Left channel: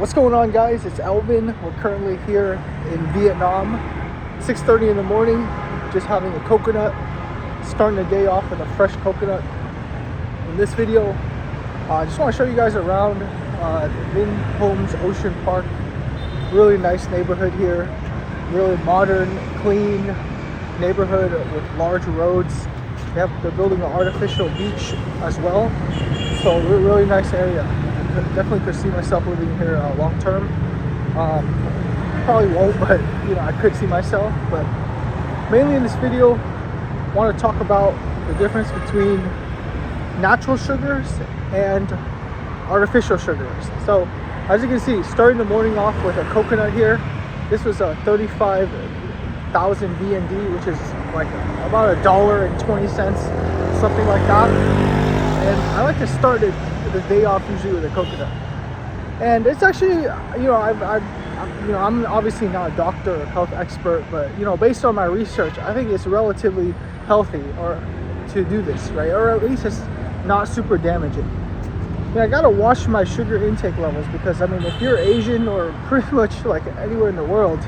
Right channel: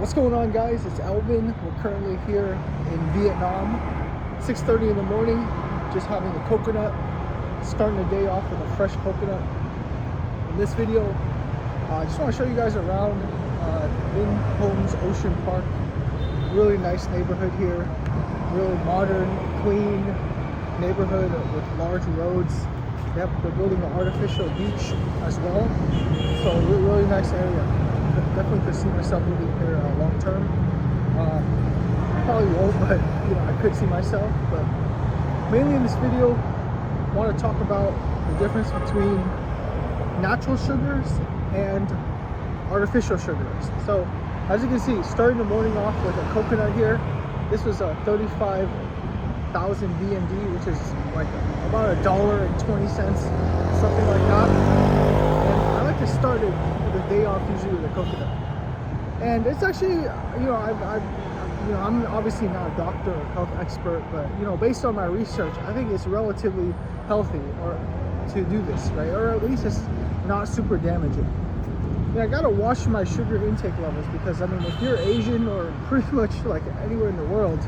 What's going on, guys? It's Elvin. We're currently here in Vietnam, 6:30 in the morning, just having a coconut, starting the day off with a fresh coconut. In this video, I just want to show you guys around Vinhomes Ocean Park. Really nice neighborhood here, really modern, clean neighborhood with large roads. They're building an artificial beach as well, so really nice area. Definitely could see myself living here long term. Probably won't, but I could see myself. But mainly in this video, I want to talk about the difference between natural sugars and artificial sugars. So as you can see, starting the morning off with a coconut here. This was a 35,000 VND, which is like about $1.20, something like that. And I like to start the day off usually with a coconut. And it's actually, I'm obviously not a doctor or health expert, but based on my research, I think it's relatively healthy or to do this, right? Or at least it's not super damaging. I gotta watch my sugar intake levels because if you're Asian or pretty much like anywhere in the world,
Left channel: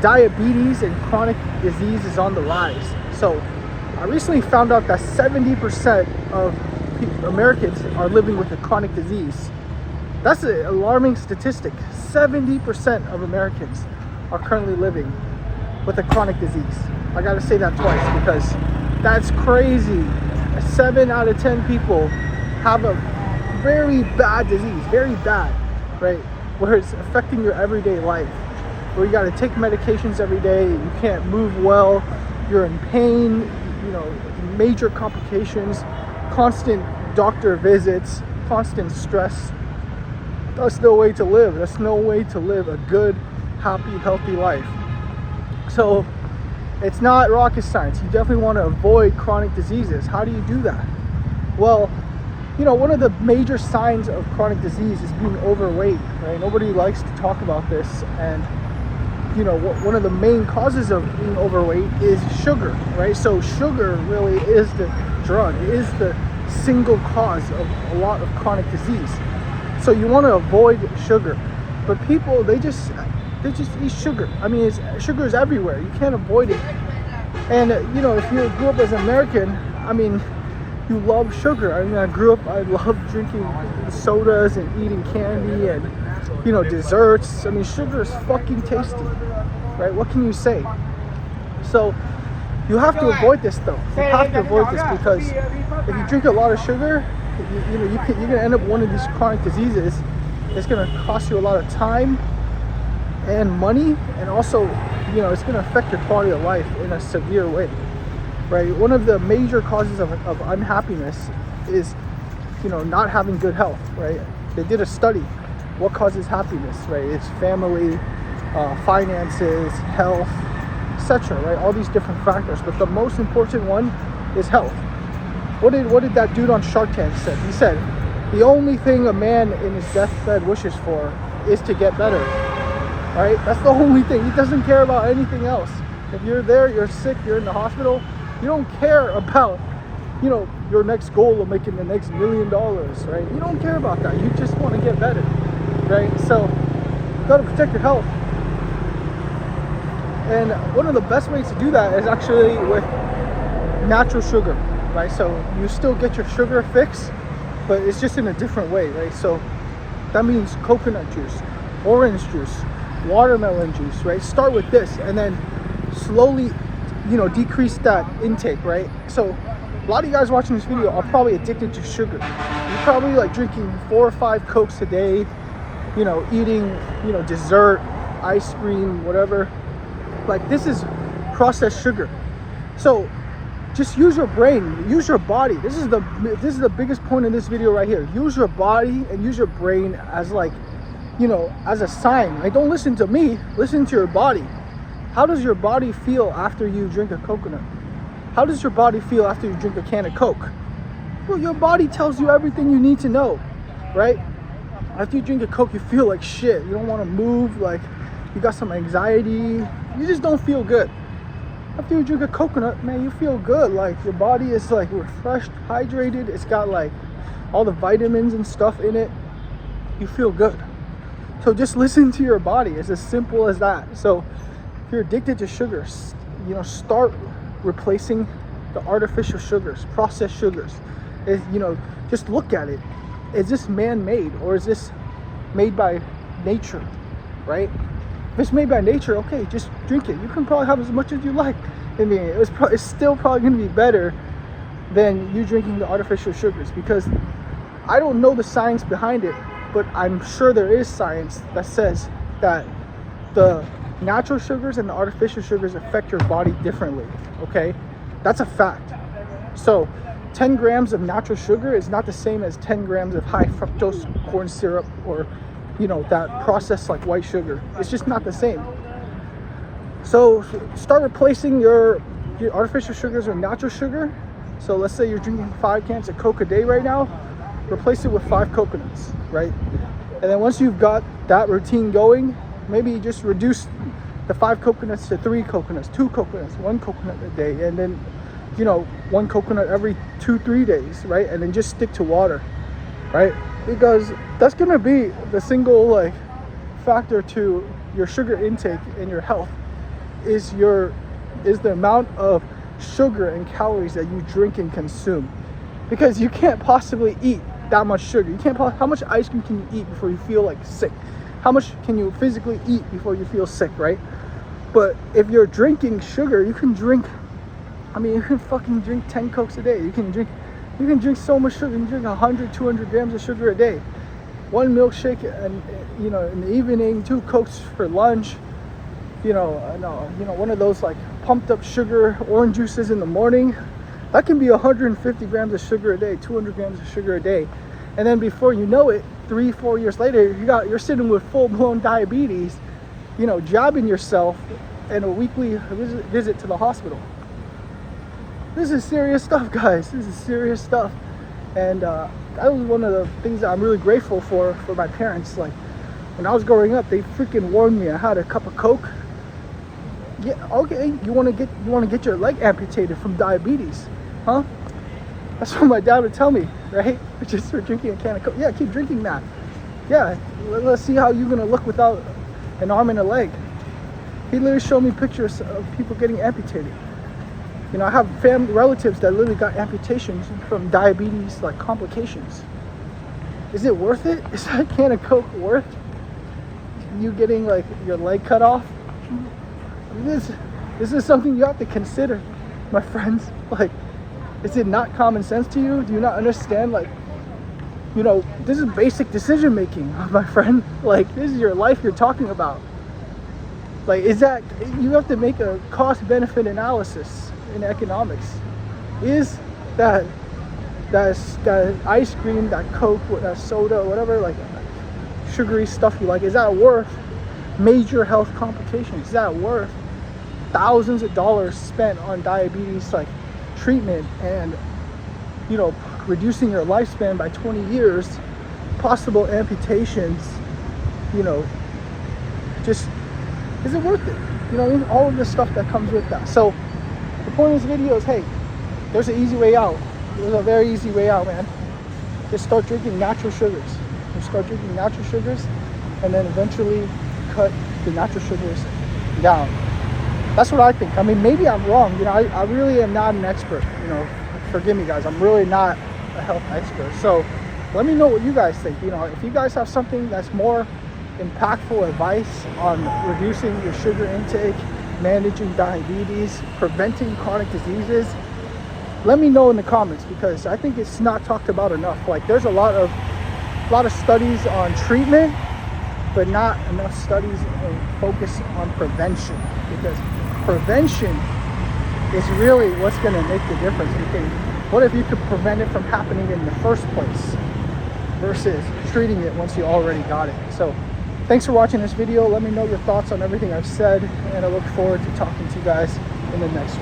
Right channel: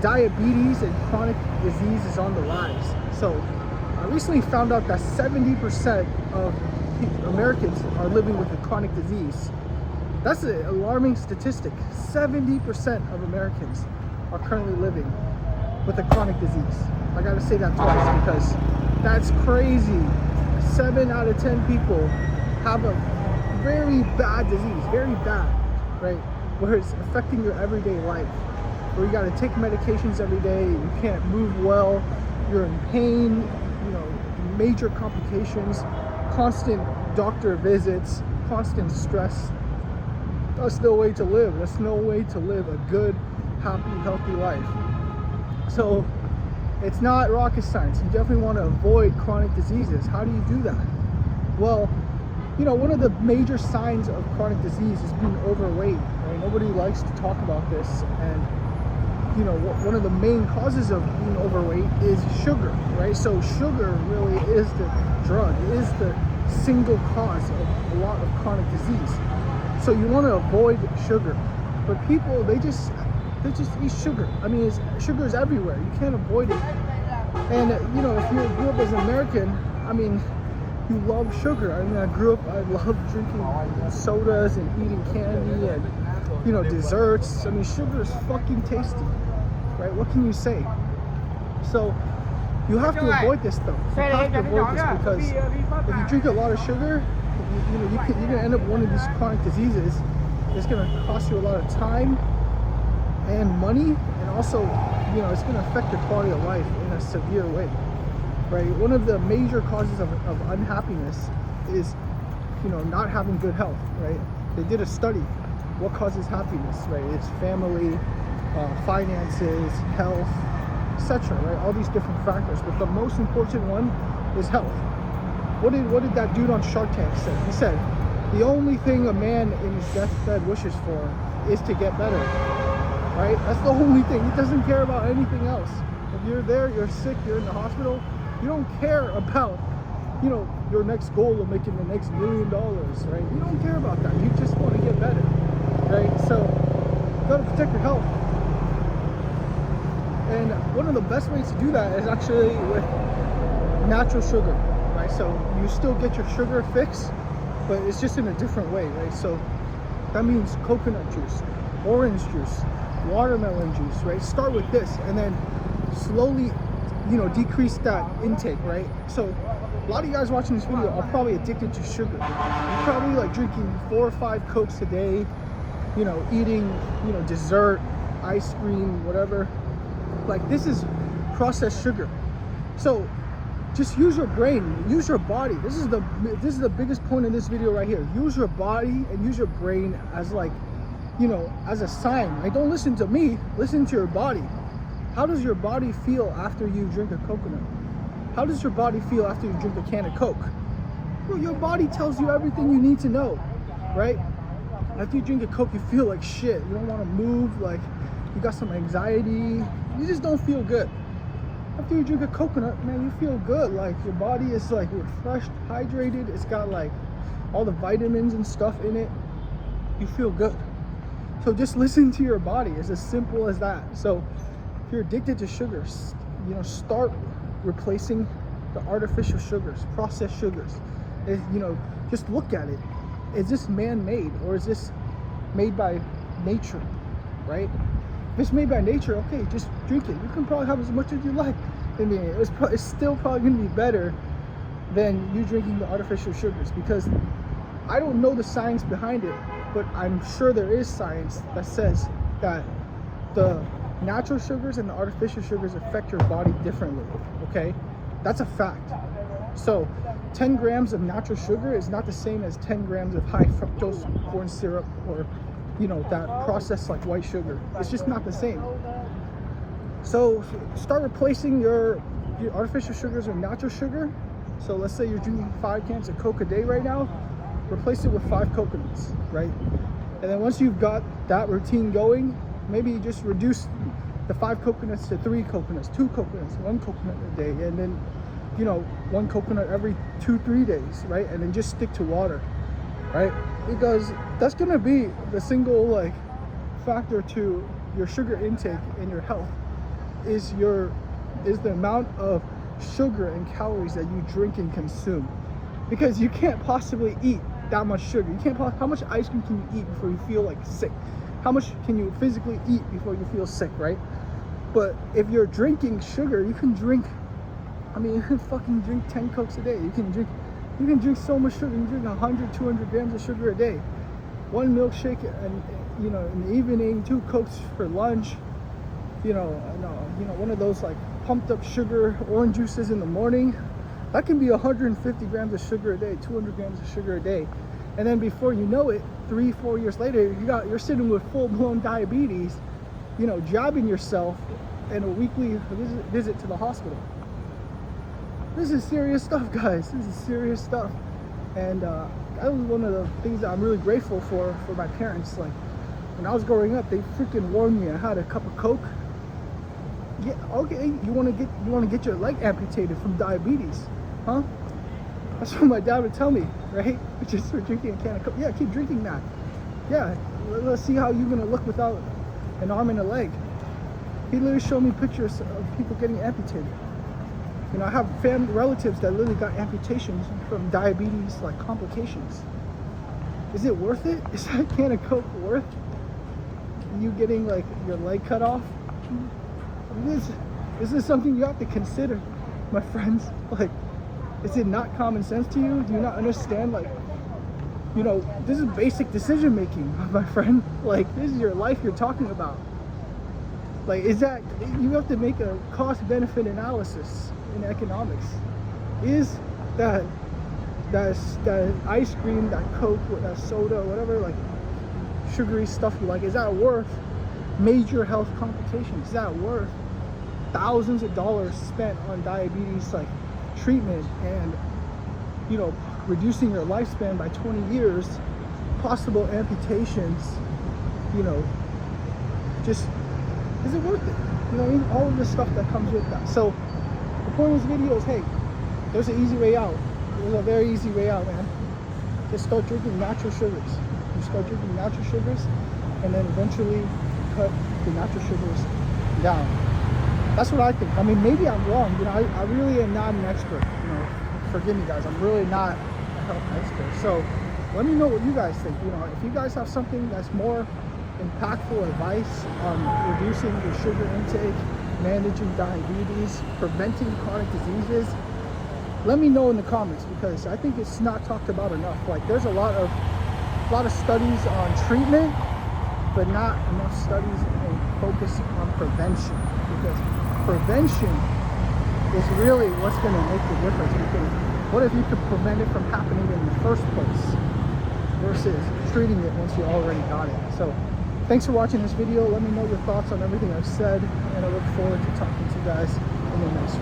diabetes and chronic disease is on the rise. So I recently found out that 70% of Americans are living with a chronic disease. That's an alarming statistic. 70% of Americans are currently living with a chronic disease. I gotta say that twice because that's crazy. 7 out of 10 people have a very bad disease, very bad, right? Where it's affecting your everyday life, where you gotta take medications every day, you can't move well, you're in pain, major complications, constant doctor visits, constant stress. That's no way to live. That's no way to live a good, happy, healthy life. So it's not rocket science. You definitely want to avoid chronic diseases. How do you do that? Well, one of the major signs of chronic disease is being overweight, right? Nobody likes to talk about this. And one of the main causes of being overweight is sugar, right? So sugar really is the drug, is the single cause of a lot of chronic disease. So you want to avoid sugar, but people they just eat sugar. Sugar is everywhere. You can't avoid it. And if you grew up as an American, you love sugar. I love drinking sodas and eating candy and desserts. Sugar is fucking tasty, right? What can you say? So you have to avoid this though. You have to avoid this because if you drink a lot of sugar, you're gonna end up with one of these chronic diseases. It's gonna cost you a lot of time and money, and also it's gonna affect your quality of life in a severe way, right? One of the major causes of unhappiness is not having good health, right? They did a study. What causes happiness, right? It's family, finances, health, etc., right? All these different factors, but the most important one is health. What did that dude on Shark Tank say? He said the only thing a man in his deathbed wishes for is to get better, right? That's the only thing. He doesn't care about anything else. If you're there, you're sick, you're in the hospital, you don't care about your next goal of making the next $1 million, right? You don't care about that. You just want to get better, right? So you got to protect your health. And one of the best ways to do that is actually with natural sugar, right? So you still get your sugar fix, but it's just in a different way, right? So that means coconut juice, orange juice, watermelon juice, right? Start with this and then slowly, decrease that intake, right? So a lot of you guys watching this video are probably addicted to sugar. You're probably like drinking 4 or 5 Cokes a day, eating, dessert, ice cream, whatever. Like, this is processed sugar. So just use your brain, use your body. This is the biggest point in this video right here. Use your body and use your brain as as a sign. Right? Don't listen to me, listen to your body. How does your body feel after you drink a coconut? How does your body feel after you drink a can of Coke? Well, your body tells you everything you need to know, right? After you drink a Coke, you feel like shit. You don't want to move, like you got some anxiety. You just don't feel good. After you drink a coconut, man, you feel good. Like your body is like refreshed, hydrated. It's got like all the vitamins and stuff in it. You feel good. So just listen to your body. It's as simple as that. So if you're addicted to sugars, you know, start replacing the artificial sugars, processed sugars. You know, just look at it. Is this man-made, or is this made by nature, right? If it's made by nature, okay, just drink it. You can probably have as much as you like. I mean, it's still probably going to be better than you drinking the artificial sugars, because I don't know the science behind it, but I'm sure there is science that says that the natural sugars and the artificial sugars affect your body differently, okay? That's a fact. So 10 grams of natural sugar is not the same as 10 grams of high fructose corn syrup, or, you know, that processed like white sugar. It's just not the same. So start replacing your artificial sugars with natural sugar. So let's say you're drinking 5 cans of Coke a day right now, replace it with 5 coconuts, right? And then once you've got that routine going, maybe you just reduce the 5 coconuts to 3 coconuts, 2 coconuts, 1 coconut a day, and then, you know, 1 coconut every 2-3 days, right? And then just stick to water, right? Because that's gonna be the single like factor to your sugar intake and your health is the amount of sugar and calories that you drink and consume. Because you can't possibly eat that much sugar. You can't. How much ice cream can you eat before you feel like sick? How much can you physically eat before you feel sick, right? But if you're drinking sugar, you can drink. I mean, you can fucking drink 10 Cokes a day. You can drink so much sugar. You can drink 100, 200 grams of sugar a day. 1 milkshake, and you know, in the evening, 2 Cokes for lunch. You know, one of those like pumped up sugar orange juices in the morning. That can be 150 grams of sugar a day, 200 grams of sugar a day. And then before you know it, 3-4 years later, you're sitting with full-blown diabetes, you know, jabbing yourself, and a weekly visit to the hospital. This is serious stuff, guys. This is serious stuff. And that was one of the things that I'm really grateful for my parents. Like, when I was growing up, they freaking warned me. I had a cup of Coke. Yeah, okay, you want to get your leg amputated from diabetes, huh? That's what my dad would tell me, right? Just for drinking a can of Coke. Yeah, keep drinking that. Yeah, let's see how you're gonna look without an arm and a leg. He literally showed me pictures of people getting amputated. You know, I have family relatives that literally got amputations from diabetes, like complications. Is it worth it? Is that can of Coke worth you getting like your leg cut off? This is something you have to consider, my friends. Like, is it not common sense to you? Do you not understand? Like, you know, this is basic decision making, my friend. Like, this is your life you're talking about. Like, is that, you have to make a cost benefit analysis in economics. Is that ice cream, that Coke, that soda, whatever, like sugary stuff you like, is that worth major health complications? Is that worth thousands of dollars spent on diabetes like treatment, and, you know, reducing your lifespan by 20 years, possible amputations, you know, just, is it worth it? You know what I mean? All of the stuff that comes with that. So the point of this video is, hey, there's an easy way out. There's a very easy way out, man. Just start drinking natural sugars. Just start drinking natural sugars, and then eventually cut the natural sugars down. That's what I think. I mean, maybe I'm wrong. You know, I really am not an expert. You know, forgive me, guys. I'm really not a health expert. So let me know what you guys think. You know, if you guys have something that's more impactful advice on reducing your sugar intake, managing diabetes, preventing chronic diseases, let me know in the comments, because I think it's not talked about enough. Like, there's a lot of studies on treatment, but not enough studies and focus on prevention, because prevention is really what's going to make the difference. Because what if you could prevent it from happening in the first place versus treating it once you already got it? So thanks for watching this video. Let me know your thoughts on everything I've said, and I look forward to talking to you guys in the next one.